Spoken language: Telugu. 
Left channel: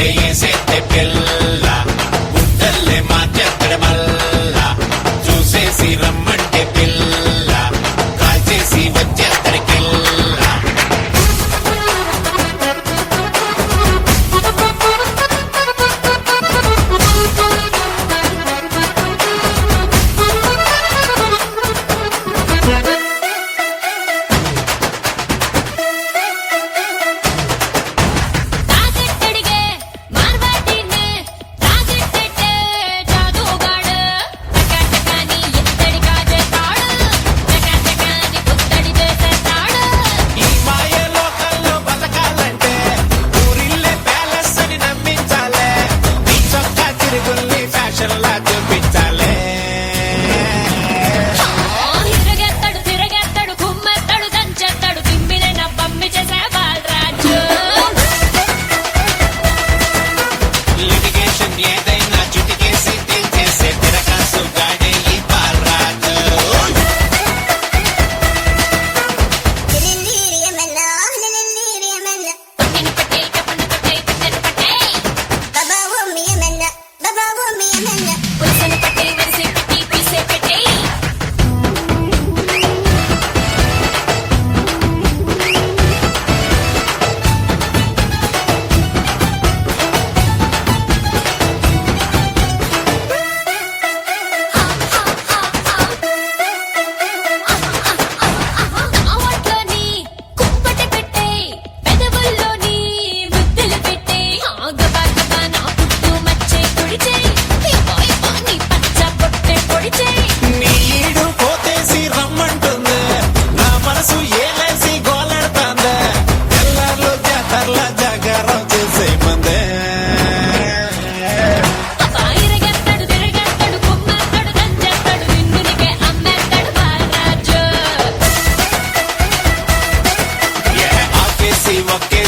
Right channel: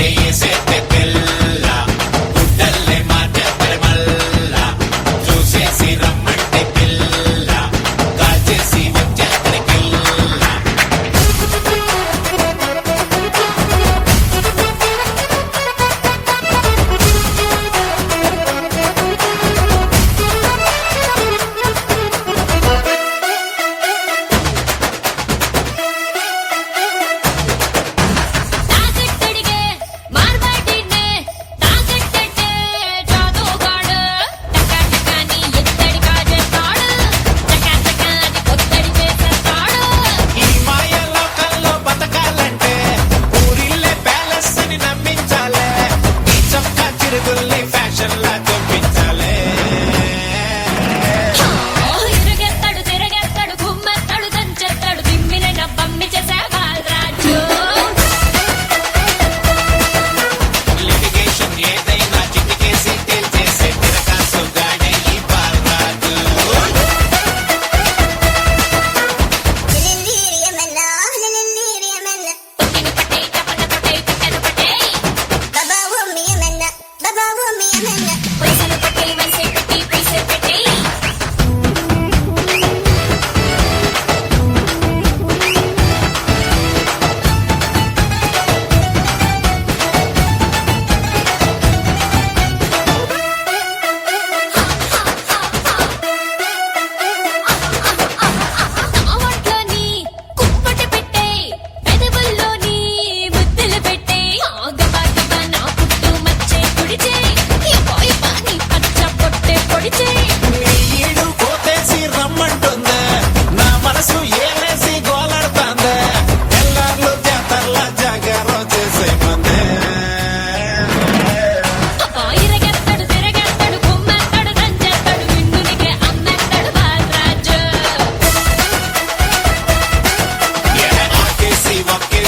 రమ్మంటే ఏసేస్తే పిల్ల గుడ్డల్లే మార్చేత్తడ మల్ల చూసేసి రమ్మంటే పిల్ల కాల్చేసి వచ్చేత్తడి కిల్ల తాగట్టడిగే మార్వాడినే తాగట్టటే జాదుగాడు టకటకాని ఎత్తడి కాజేస్తాడు చకచకాని పొత్తడి చేసేస్తాడు ఈ మాయ లోకల్లో బతకాలంటే ఊరిల్లే ప్యాలెస్ అని నమ్మించాలే ఈ చొక్కా చిరుగుల్ని ఫ్యాషన్ లా చూపించాలే తిరగెత్తాడు తిరగెత్తాడు కుమ్మెత్తాడు దంచెత్తాడు తిమ్మిన నవ్వమ్మి చేసే బాలరాజు లిటిగేషన్ ఏదైనా చిటికేసి తేల్చేసే తిరకాసు గాడే ఈ బాలరాజు తొక్కిన పట్టే చెప్పన పట్టే పిట్టెన పట్టే పొయ్సను పట్టే మనసే పెట్టి పీసే పెట్టే నా ఒంట్లోని కుంపటి పెట్టే పెదవుల్లోని ముద్దలు పెట్టే గబా నా పుట్టు మచ్చే కుడిచే యబ్బా నీ పచ్చ పొట్టే పొడిచే నీ ఈడు కోతేసి రమ్మంటుందే నా మనసు ఏలేసి గోలాడుతాందే ఎల్లార్లు జాతర్ల జాగారం చేసే మందే అబ్బా ఇరగెత్తాడు తిరగెత్తాడు కుమ్మెత్తాడు దంచెత్తాడు నిన్నునికే అమ్మెత్తాడు బాలరాజు ఆకేసి ఒకే